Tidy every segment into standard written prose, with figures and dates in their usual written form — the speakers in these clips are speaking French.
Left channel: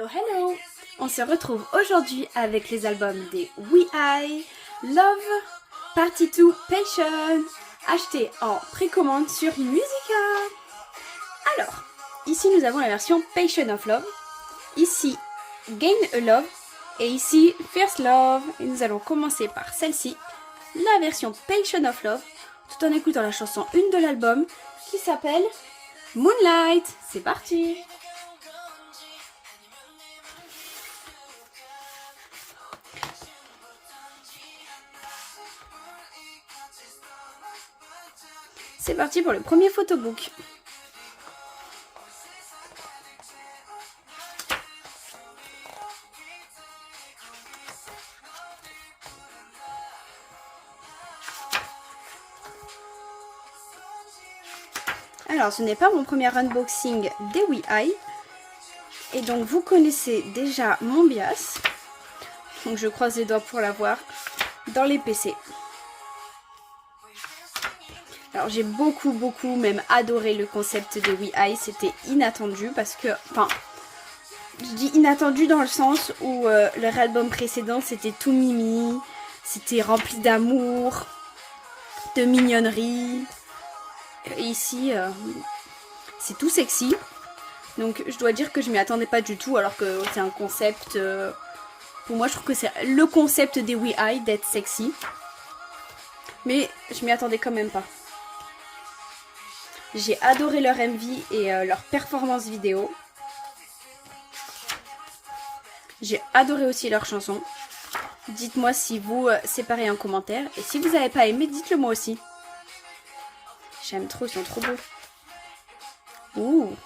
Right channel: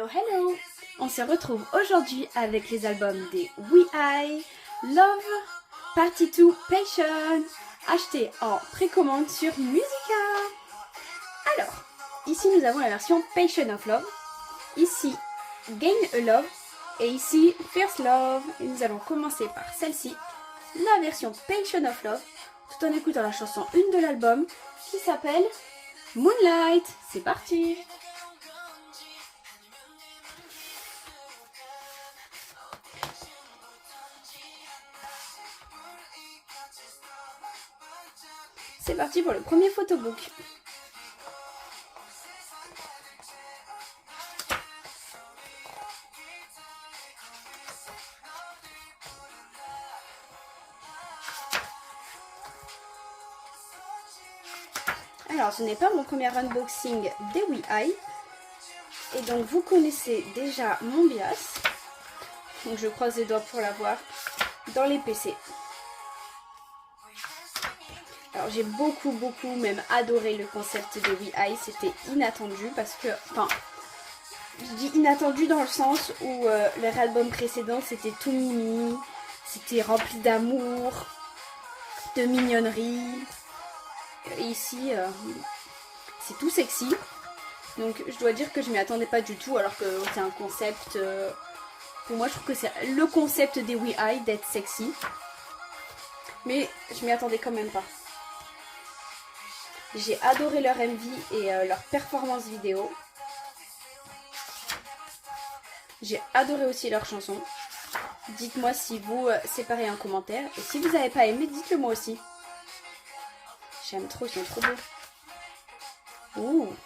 Hello, hello! On se retrouve aujourd'hui avec les albums des WeEye, Love, Party 2, Passion, achetés en précommande sur Musica. Alors, ici nous avons la version Passion of Love, ici Gain a Love et ici First Love. Et nous allons commencer par celle-ci, la version Passion of Love, tout en écoutant la chanson 1 de l'album qui s'appelle Moonlight. C'est parti! C'est parti pour le premier photobook. Alors, ce n'est pas mon premier unboxing des WeEye. Et donc, vous connaissez déjà mon bias. Donc, je croise les doigts pour l'avoir dans les PC. Alors j'ai beaucoup même adoré le concept des WeEye, c'était inattendu parce que, enfin, je dis inattendu dans le sens où leur album précédent c'était tout mimi, c'était rempli d'amour, de mignonnerie. Et ici c'est tout sexy, donc je dois dire que je m'y attendais pas du tout alors que c'est un concept, pour moi je trouve que c'est le concept des WeEye d'être sexy, mais je m'y attendais quand même pas. J'ai adoré leur MV et leur performance vidéo. J'ai adoré aussi leurs chansons. Dites-moi si vous, c'est pareil en commentaire. Et si vous n'avez pas aimé, dites-le moi aussi. J'aime trop, ils sont trop beaux. Ouh.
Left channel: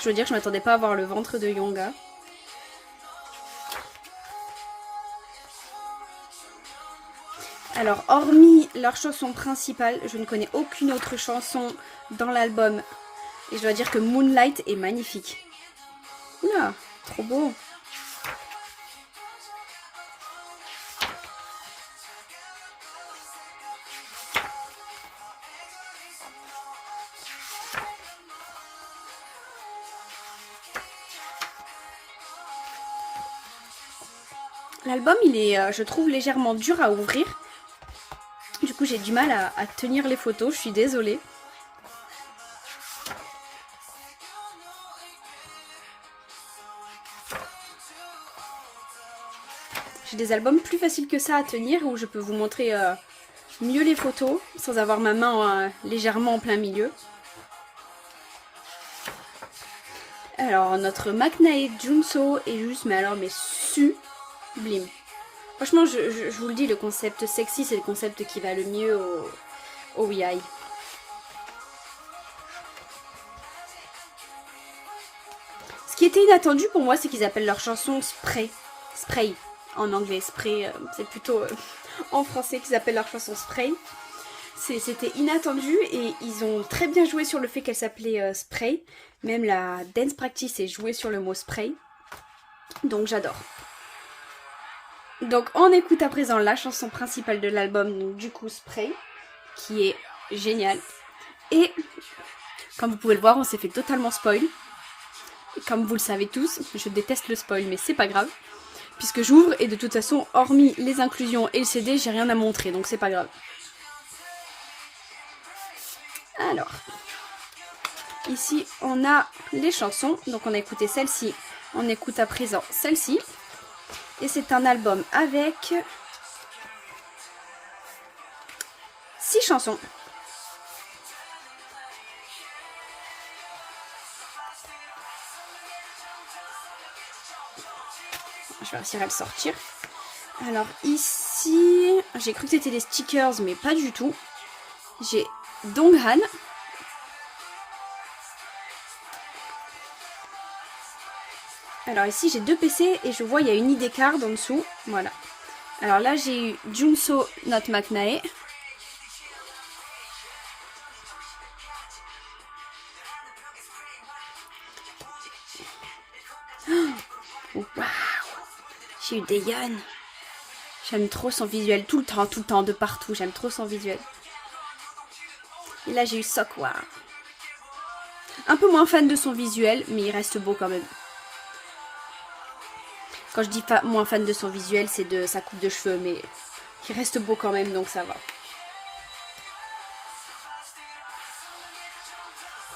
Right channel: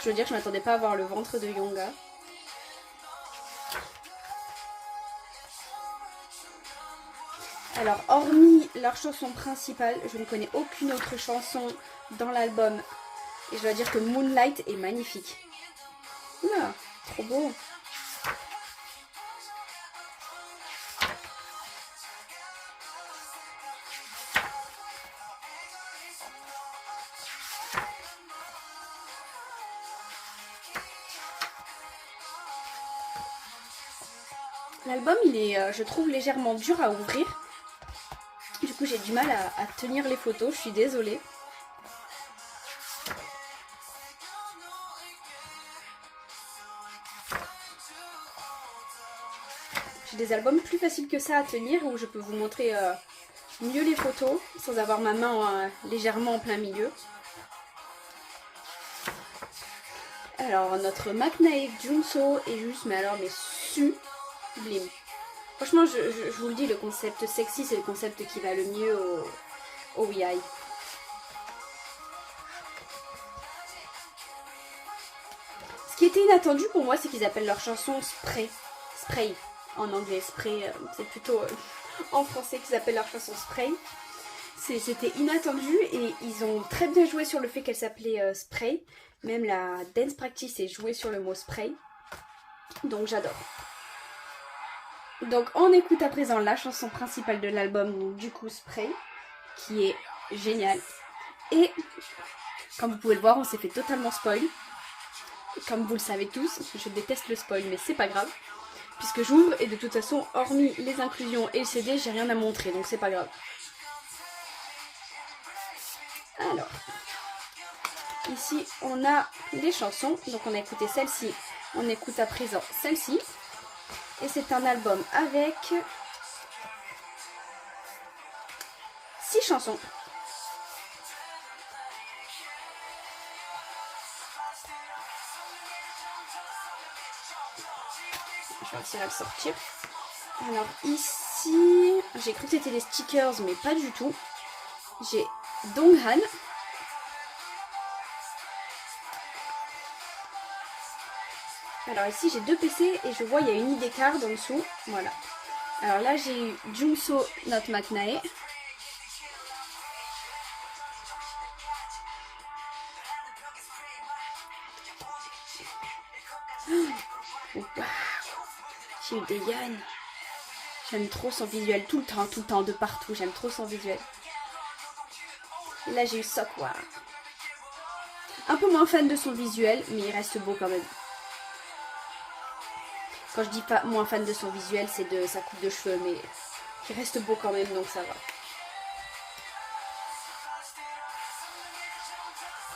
Je veux dire que je m'attendais pas à voir le ventre de Yonga. Alors, hormis leur chanson principale, je ne connais aucune autre chanson dans l'album. Et je dois dire que Moonlight est magnifique. Oula, trop beau. L'album, il est, je trouve, légèrement dur à ouvrir. Du coup, j'ai du mal à tenir les photos, je suis désolée. J'ai des albums plus faciles que ça à tenir où je peux vous montrer mieux les photos sans avoir ma main légèrement en plein milieu. Alors, notre Maknae Junso est juste, mais sublime. Franchement, je vous le dis, le concept sexy, c'est le concept qui va le mieux au WeEye. Ce qui était inattendu pour moi, c'est qu'ils appellent leur chanson Spray. Spray, en anglais. Spray, c'est plutôt en français qu'ils appellent leur chanson Spray. C'était inattendu et ils ont très bien joué sur le fait qu'elle s'appelait Spray. Même la dance practice est jouée sur le mot Spray. Donc j'adore. Donc on écoute à présent la chanson principale de l'album, donc du coup Spray, qui est géniale. Et comme vous pouvez le voir, on s'est fait totalement spoil. Et comme vous le savez tous, je déteste le spoil, mais c'est pas grave. Puisque j'ouvre et de toute façon, hormis les inclusions et le CD, j'ai rien à montrer, donc c'est pas grave. Alors, ici on a les chansons, donc on a écouté celle-ci, on écoute à présent celle-ci. Et c'est un album avec 6 chansons. Je vais réussir à le sortir. Alors ici, j'ai cru que c'était des stickers, mais pas du tout. J'ai Donghan. Alors ici j'ai 2 PC et je vois il y a une ID card en dessous, voilà. Alors là j'ai eu Junso Not Maknae. Oh, wow. J'ai eu Daeyeon. J'aime trop son visuel, tout le temps, de partout, j'aime trop son visuel. Et là j'ai eu Seokwa. Un peu moins fan de son visuel, mais il reste beau quand même. Quand je dis moins fan de son visuel, c'est de sa coupe de cheveux, mais il reste beau quand même, donc ça va.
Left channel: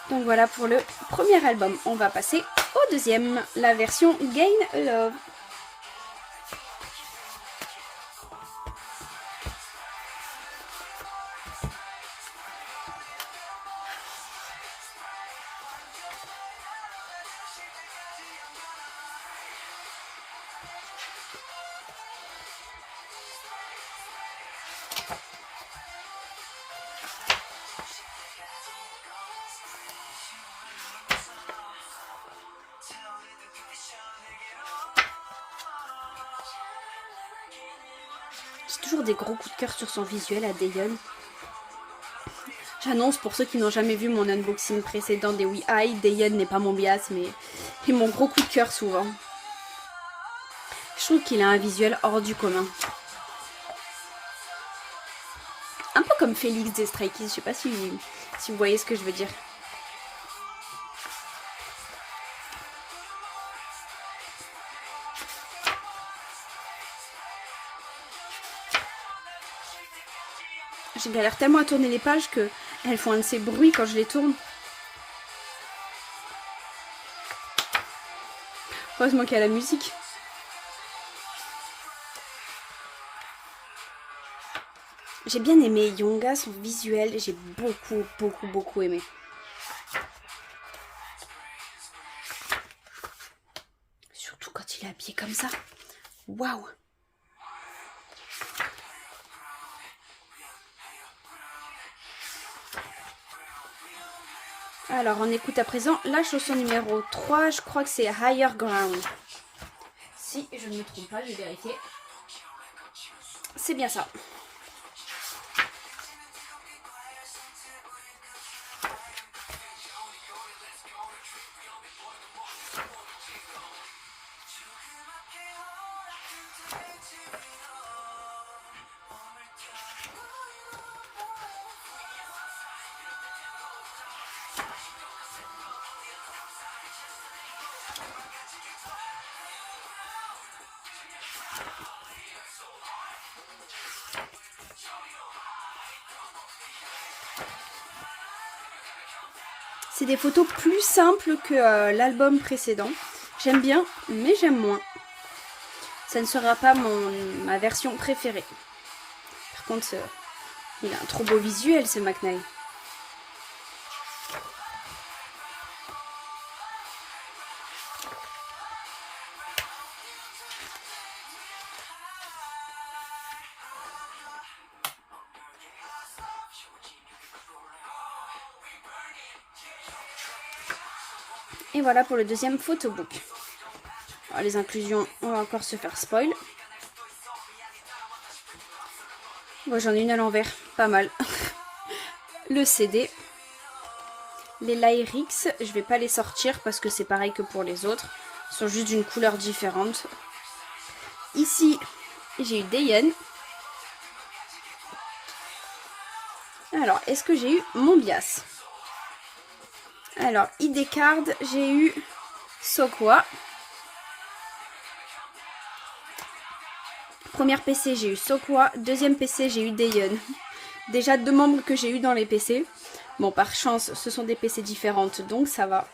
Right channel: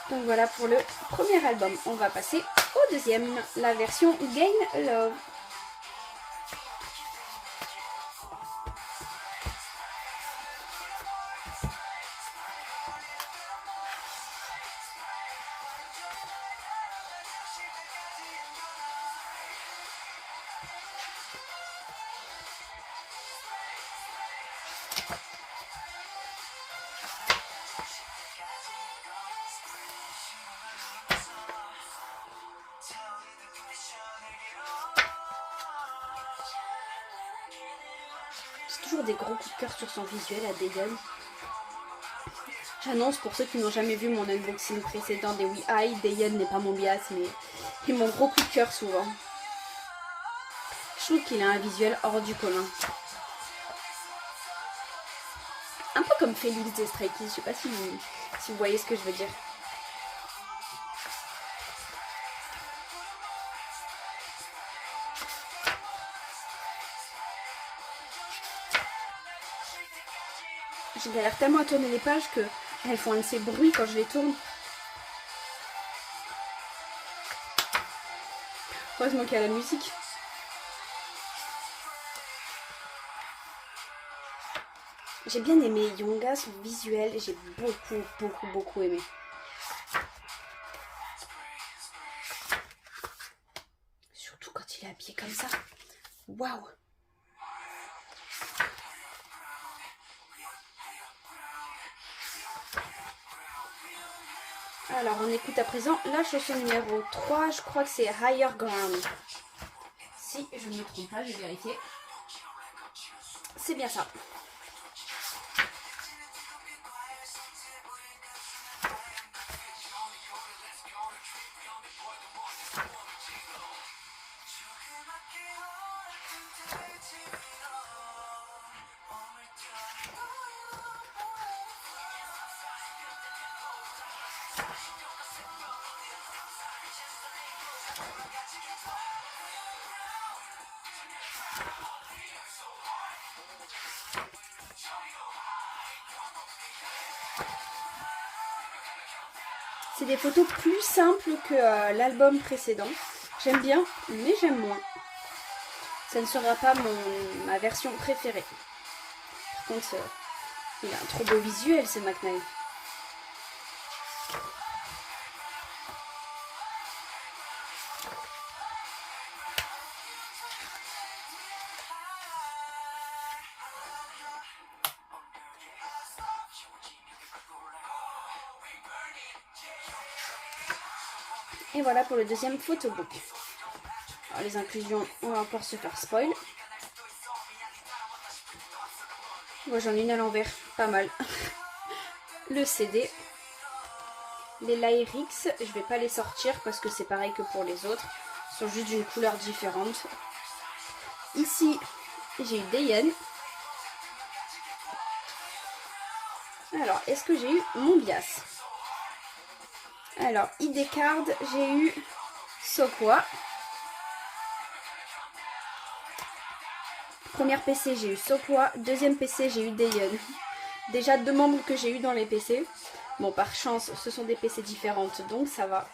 Donc voilà pour le premier album. On va passer au deuxième, la version Gain a Love. J'ai toujours des gros coups de cœur sur son visuel à Daeyeon. J'annonce pour ceux qui n'ont jamais vu mon unboxing précédent des WeEye, Daeyeon n'est pas mon bias, mais est mon gros coup de cœur souvent. Je trouve qu'il a un visuel hors du commun. Un peu comme Félix des Stray Kids, je sais pas si vous voyez ce que je veux dire. Je galère tellement à tourner les pages que elles font un de ces bruits quand je les tourne. Heureusement qu'il y a la musique. J'ai bien aimé Yonga, son visuel, j'ai beaucoup aimé. Surtout quand il est habillé comme ça. Waouh! Alors, on écoute à présent la chanson numéro 3. Je crois que c'est Higher Ground. Si je ne me trompe pas, je vais vérifier. C'est bien ça. C'est des photos plus simples que l'album précédent. J'aime bien, mais j'aime moins. Ça ne sera pas ma version préférée. Par contre, il a un trop beau visuel, ce McNair. Et voilà pour le deuxième photobook. Alors, les inclusions, on va encore se faire spoil. Moi j'en ai une à l'envers, pas mal. Le CD. Les lyrics, je vais pas les sortir parce que c'est pareil que pour les autres. Ils sont juste d'une couleur différente. Ici, j'ai eu Daeyeon. Alors, est-ce que j'ai eu mon bias? Alors, ID card, j'ai eu Seokwa. Première PC, j'ai eu Seokwa. Deuxième PC, j'ai eu Daeyeon. Déjà 2 membres que j'ai eu dans les PC. Bon, par chance, ce sont des PC différentes, donc ça va.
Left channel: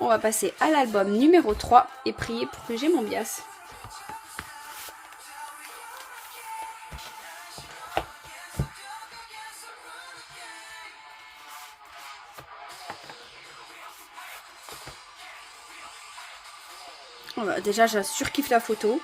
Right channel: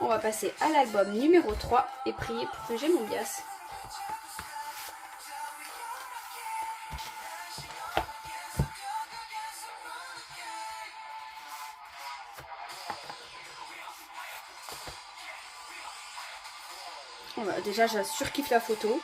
On va passer à l'album numéro 3 et prier pour que j'ai mon bias. Voilà, déjà, je surkiffe la photo.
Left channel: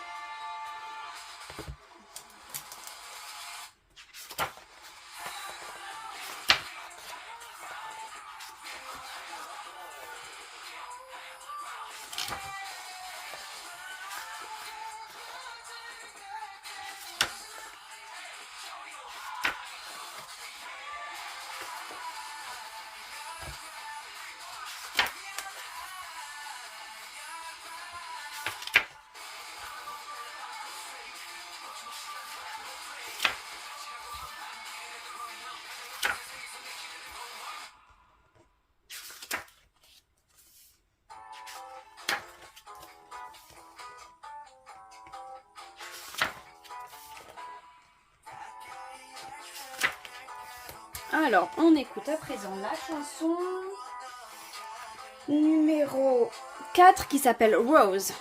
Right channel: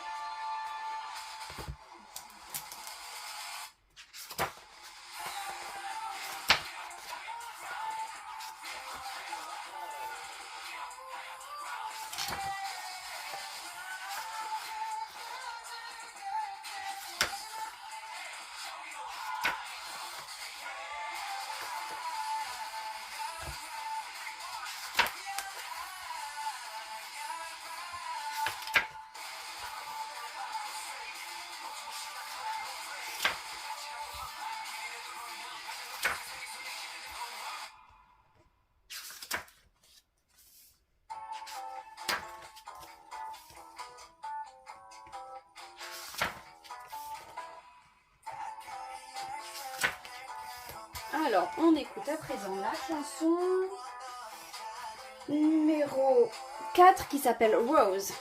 Alors, on écoute à présent la chanson numéro 4 qui s'appelle Rose.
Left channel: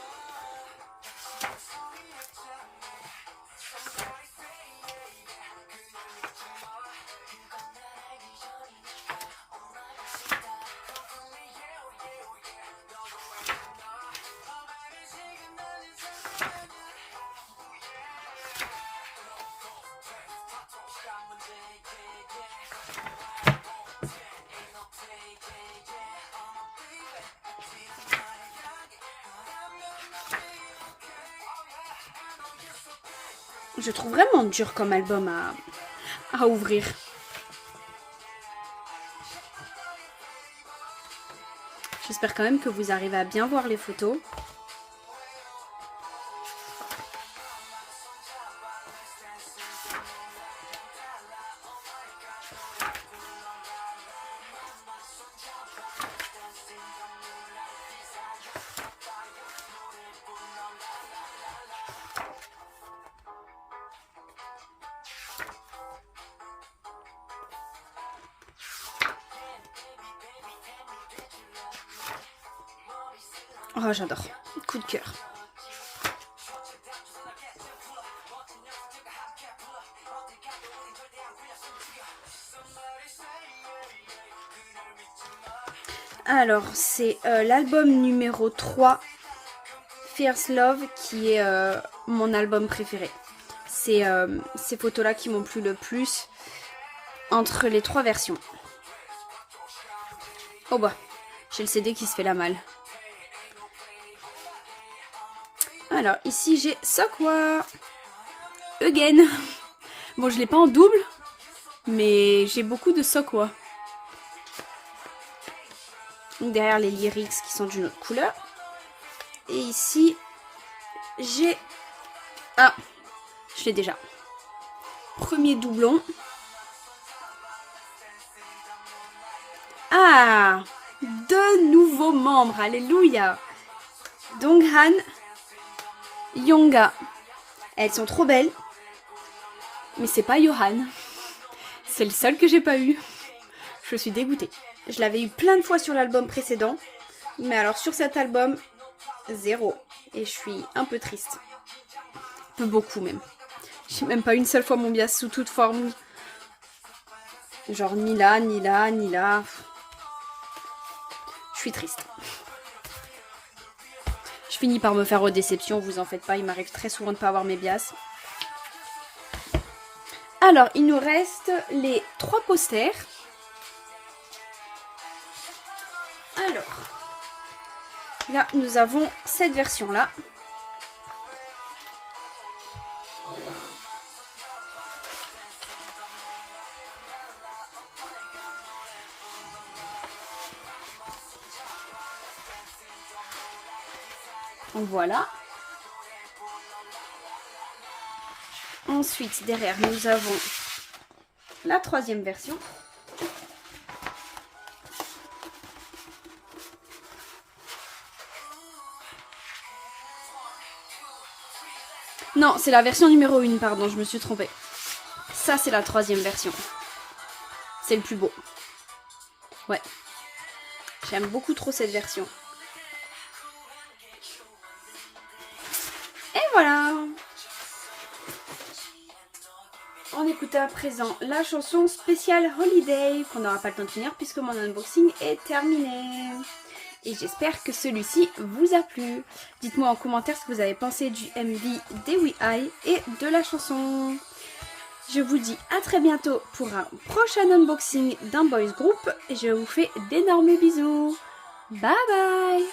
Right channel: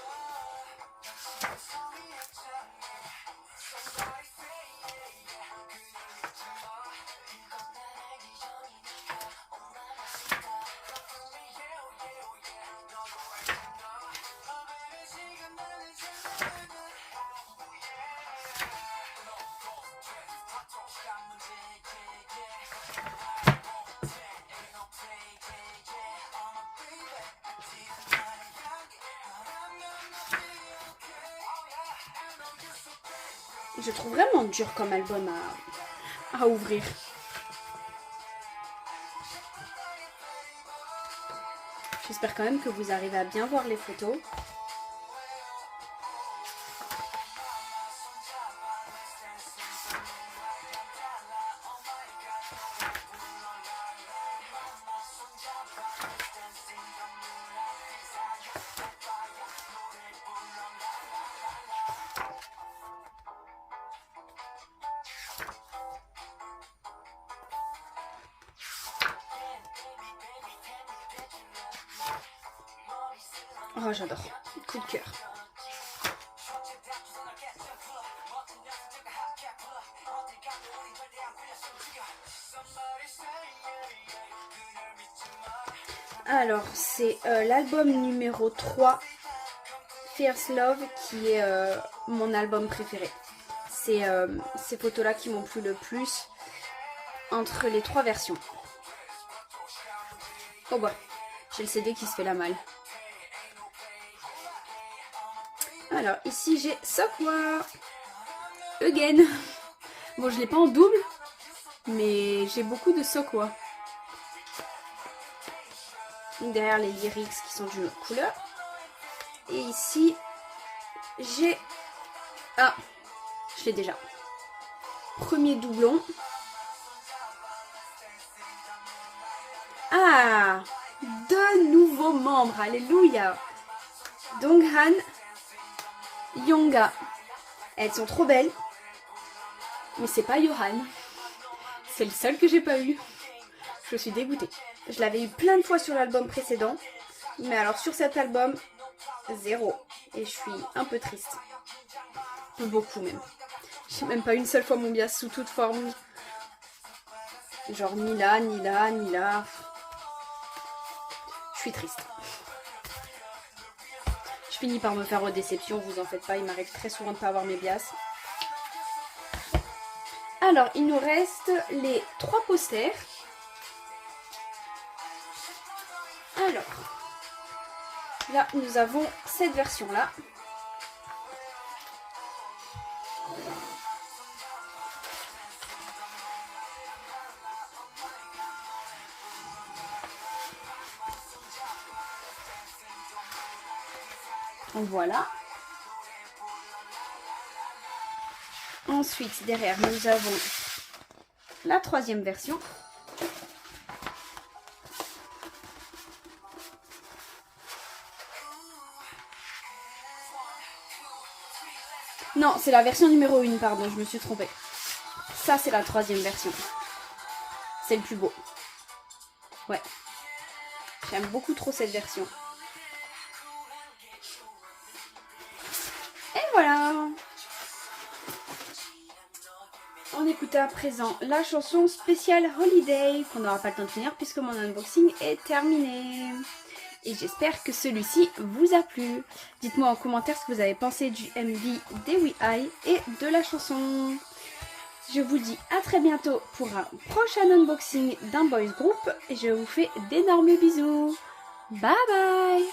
Je trouve vraiment dur comme album à ouvrir. J'espère quand même que vous arrivez à bien voir les photos. Oh, j'adore. Coup de cœur. Alors, c'est l'album numéro 3, Fierce Love, qui est mon album préféré. C'est ces photos-là qui m'ont plu le plus entre les 3 versions. Oh bah, j'ai le CD qui se fait la malle. Alors, ici, j'ai Seokwa Again. Bon, je l'ai pas en double, mais j'ai beaucoup de Seokwa. Derrière les lyrics qui sont d'une autre couleur. Et ici, j'ai... Ah, je l'ai déjà. Premier doublon. Ah, 2 nouveaux membres, alléluia. Donghan, Yonga. Elles sont trop belles. Mais c'est pas Johan. C'est le seul que j'ai pas eu. Je suis dégoûtée. Je l'avais eu plein de fois sur l'album précédent. Mais alors sur cet album, 0. Et je suis un peu triste. Un peu beaucoup même. J'ai même pas une seule fois mon bias sous toute forme. Genre ni là, ni là, ni là. Je suis triste. Je finis par me faire aux déceptions, vous en faites pas, il m'arrive très souvent de pas avoir mes bias. Alors, il nous reste les 3 posters. Alors, là, nous avons cette version-là. Voilà. Ensuite, derrière, nous avons la 3e version. Non, c'est la version numéro 1, pardon, je me suis trompée. Ça, c'est la 3e version. C'est le plus beau. Ouais. J'aime beaucoup trop cette version. Et voilà. On écoute à présent la chanson spéciale Holiday, qu'on n'aura pas le temps de finir puisque mon unboxing est terminé. Et j'espère que celui-ci vous a plu. Dites-moi en commentaire ce que vous avez pensé du MV des WeHi et de la chanson. Je vous dis à très bientôt pour un prochain unboxing d'un boys group. Et je vous fais d'énormes bisous. Bye bye.